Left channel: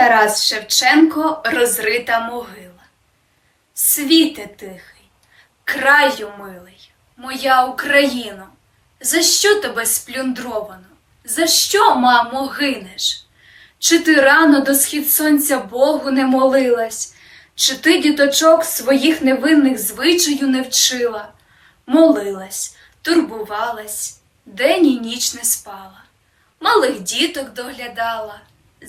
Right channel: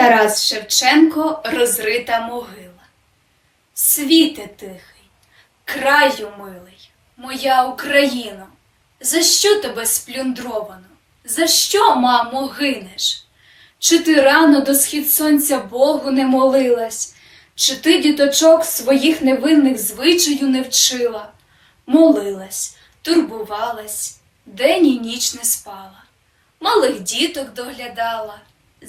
Тарас Шевченко розрита могила. Світе тихий, краю милий, моя Україно, за що тебе сплюндровано? За що, мамо, гинеш? Чи ти рано до схід сонця Богу не молилась, чи ти діточок своїх невинних звичаю не вчила? Молилась, турбувалась, день і ніч не спала, малих діток доглядала,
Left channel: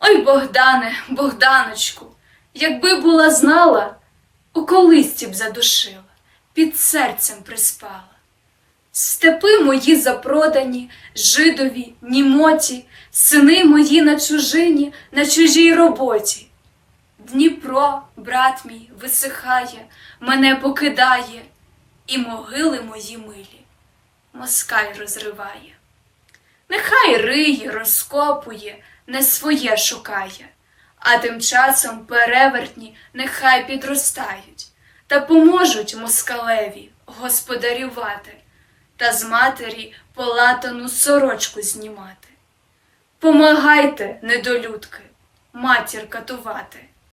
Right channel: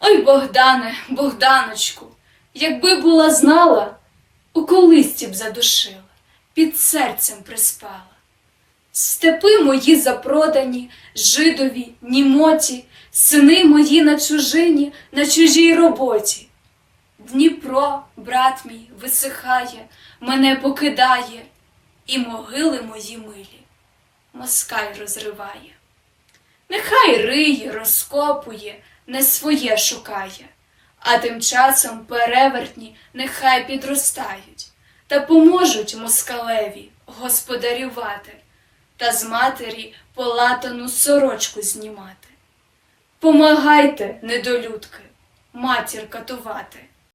Ой, Богдане, Богданочку, якби була знала, у колисті б задушила, під серцем приспала. Степи мої запродані, жидові, німоті, сини мої на чужині, на чужій роботі. Дніпро, брат мій, висихає, мене покидає, і могили мої милі москаль розриває. Нехай риє, розкопує, не своє шукає, а тим часом перевертні нехай підростають та поможуть москалеві господарювати та з матері полатану сорочку знімати. Помагайте, недолюдки, матір катувати.